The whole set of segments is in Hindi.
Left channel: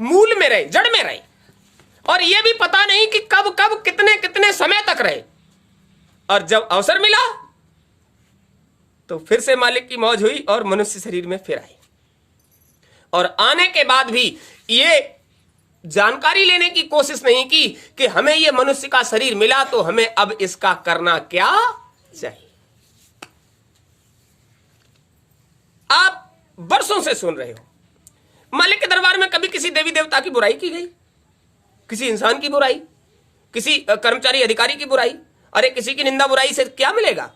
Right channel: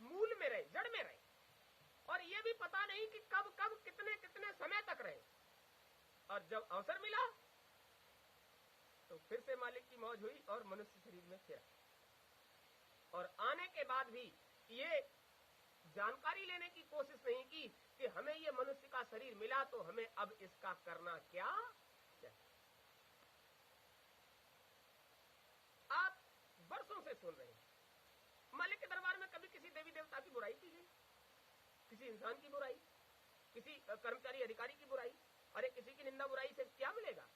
मूल में रहे, जड़ में रहे, और यह भी पता नहीं कि कब कब कितने कितने समय तक रहे। और जब अवसर मिला तो फिर से मालिक की मौज हुई और मनुष्य शरीर में फिर आए। और आने के बाद भी ये जानकारी लेने की कोशिश नहीं की कि हमें ये मनुष्य का शरीर मिला तो हमें अब इसका करना क्या चाहिए। आप वर्षों से सुन रहे हो मालिक के दरबार में कभी किसी देवी देवता की बुराई की गई, किसी इंसान की बुराई, किसी कर्मचारी अधिकारी की बुराई? अरे किसी की निंदा बुराई से क्या मिलेगा?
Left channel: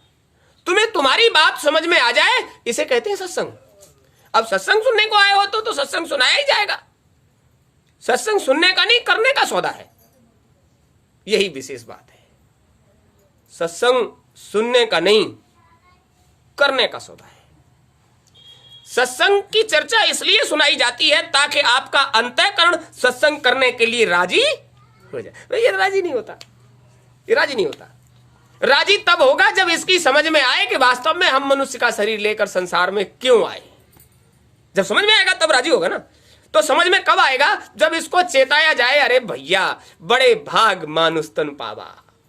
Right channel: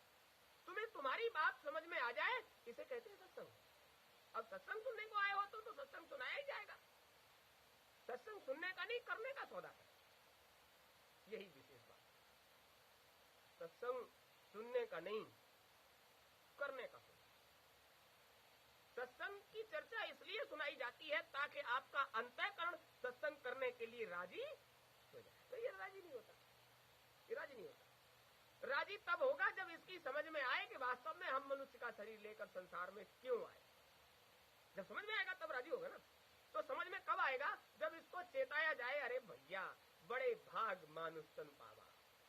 तुम्हें तुम्हारी बात समझ में आ जाए, इसे कहते हैं सत्संग। अब सत्संग सुनने को आए हो तो सत्संग सुनाया ही जाएगा। सत्संग सुनने का नहीं, करने का सौदा है। यही विशेष बात है। सत्संग सुनने का नहीं, करने का सौदा है। सत्संग की चर्चा इसलिए सुनाई जाती है ताकि आपका अंतःकरण सत्संग करने के लिए राजी हो जाए। ये राजी नहीं होता, ये राजी नहीं होता। राजी तब होगा जब इसकी समझ में आए कि वास्तव में हम मनुष्य का शरीर लेकर संसार में क्यों आए। जब समझ में आएगा तब राजी होगा ना। तो समझ में कब आएगा? जब इसको चेताया जाए, अरे भैया बड़े भाग मानुष तन पावा,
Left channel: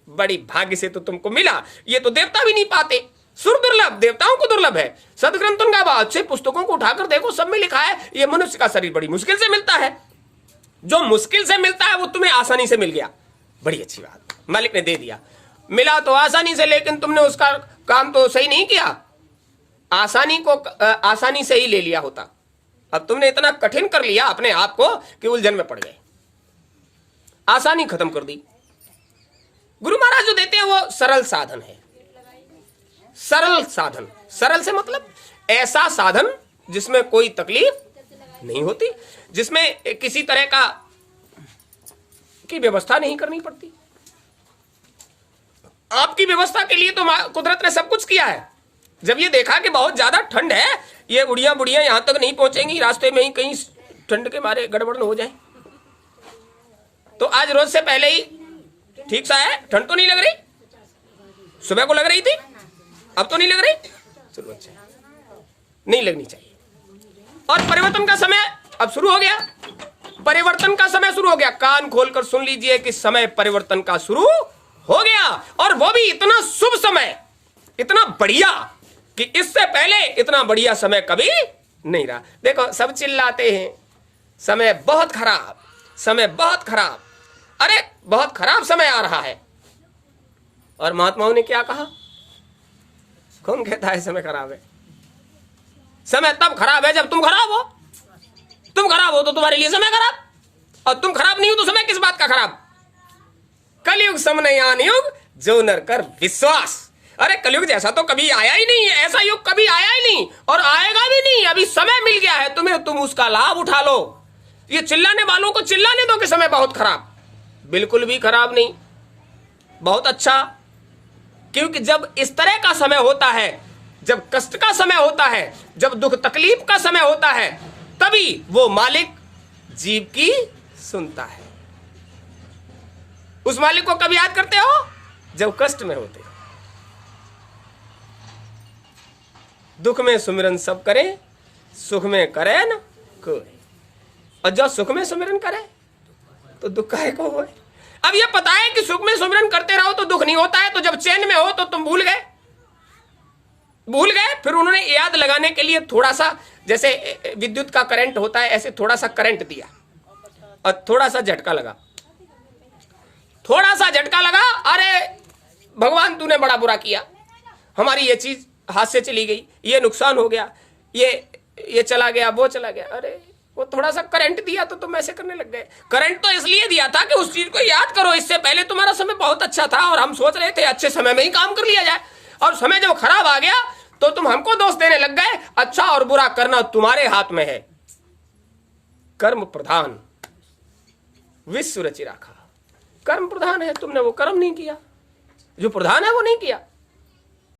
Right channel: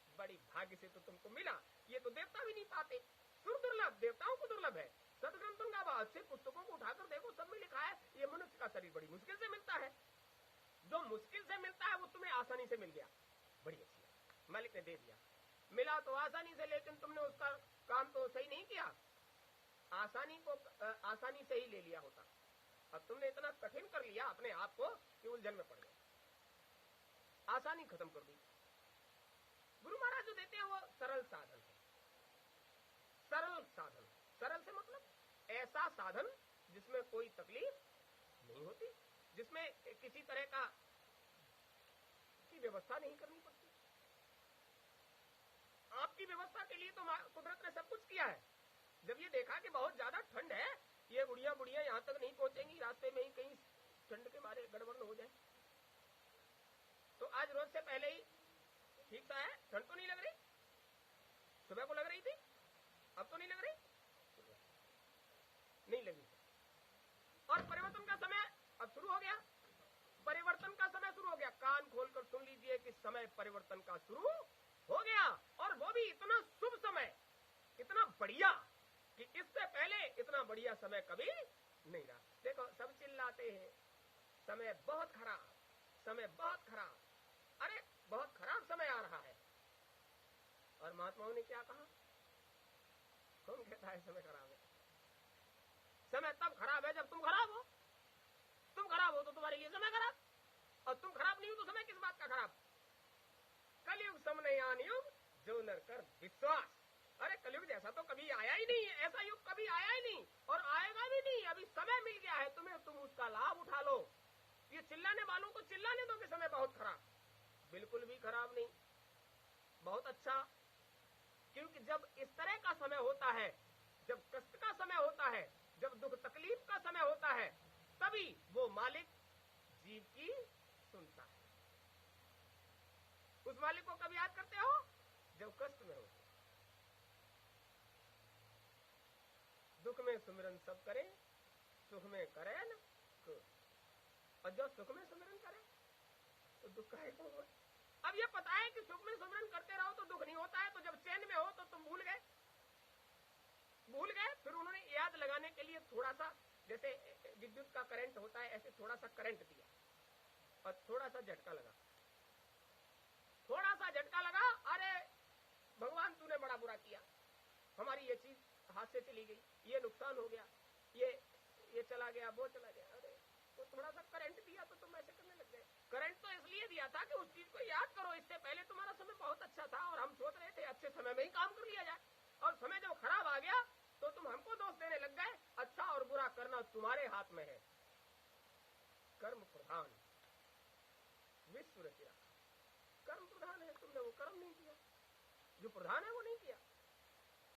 बड़ी भाग्य से तो तुमको मिला, ये तो देवता भी नहीं पाते। सुर दुर्लभ, देवताओं को दुर्लभ है। सदग्रंथों का अच्छे पुस्तकों को उठाकर देखो, सब में लिखा है ये मनुष्य का शरीर बड़ी मुश्किल से मिलता है। जो मुश्किल से मिलता है वो तुम्हें आसानी से मिल गया, बड़ी अच्छी बात, मालिक ने दे दिया। मिला तो आसानी से, लेकिन तुमने उसका काम तो सही नहीं किया। आसानी को आसानी से ही ले लिया होता। अब तुमने इतना कठिन कर लिया अपने आप को कि उलझन में पड़ गए, आसानी खत्म कर दी। गुरु महाराज जो देते हैं वो सरल साधन है। सरल साधन, सरल से मतलब ऐसा साधन जिसमें कोई तकलीफ नहीं होती, जिसमें किसी तरह की व्यवस्था नहीं करनी पड़ती। आपकी व्यवस्था के लिए तो कुदरत ने सब कुछ किया है। जब ये देखा कि बहुत ज्यादा ठंड है, ये उड़िया बुढ़िया यहां तक नहीं पहुंचेंगी, रास्ते में ही कहीं ठंड के मारे गड़बड़ न हो जाए, तो आज रोज से पहले ही ठीक सा है। ठंड तो नहीं लग रही, सुबह को लग रही थी, अब तो नहीं लग रही। चलो अच्छा, नहीं लगनी चाहिए। और परिवर्तन का समय अब शुरू हो गया, परिवर्तन का समय शुरू हो गया। कान खोलकर सुन लीजिए कि समय परिवर्तन का शुरू हो गया, और वो भी इतना शुभ समय, इतना बढ़िया कि इससे पहले इतना बढ़िया समय कभी नहीं रहा। देखो सब चिल्लाते हैं समय बहुत खराब, समय बहुत खराब। अरे बहुत खराब समय आ रहा है, और महात्माओं ने क्या कहा? कौन कहता है समय खराब है? समय तब खराब है जब तुम खराब हो। तुम खराब हो तो तुम्हारे लिए समय खराब, और तुम खराब नहीं हो तो समय किस बात का खराब? कलयुग समनयान युग जो नर कर विश्वास। अरे कलयुग जैसा तो कभी आया ही नहीं है, ऐसा युग कभी आया ही नहीं और आएगा भी नहीं। अभी समय मिल गया है तुम्हें, तुम उसका लाभ उठा लो। ये चिल्लाने वालों को चिल्लाने दो कि समय बहुत खराब। बिल्कुल भी खराब नहीं, बहुत अच्छा। क्योंकि जब इस तरह का समय होता है, जब कष्ट का समय होता है, जब दुख तकलीफ का समय होता है, तभी वो मालिक जीव की सुनता है। उस मालिक को कभी याद करते हो? जब कष्ट में होते हो। दुख में सुमिरन सब करें, सुख में करे न कोई। और जब सुख में सुमिरन करे तो दुख काहे को होए? अब ये पता है कि सुख में सुमिरन करते रहो तो दुख नहीं होता है, तो जब चैन में हो तो तुम भूल गए। फिर उन्होंने याद लगाने के लिए थोड़ा सा, जैसे विद्युत का करंट होता है, ऐसे थोड़ा सा करंट दिया और थोड़ा सा झटका लगा, थोड़ा सा झटका लगा। अरे भगवान तूने बड़ा बुरा किया, हमारी ये चीज हाथ से चली गई, ये नुकसान हो गया, ये चला गया, वो चला गया। अरे वो थोड़ा सा करंट दिया तो तुम ऐसे करने लग गए। करंट तो इसलिए दिया था कि उस चीज को याद करो, इससे पहले तुम्हारा समय बहुत अच्छा था और हम सोच रहे थे अच्छे समय में ही काम कर लिया जाए, और समय जब खराब आ गया तो तुम हमको दोष देने लग गए। अच्छा और बुरा करना तुम्हारे हाथ में है। कर्म प्रधान विश्व रचि राखा। कर्म प्रधान है, तुमने वो कर्म नहीं किया, जो प्रधान है वो नहीं किया।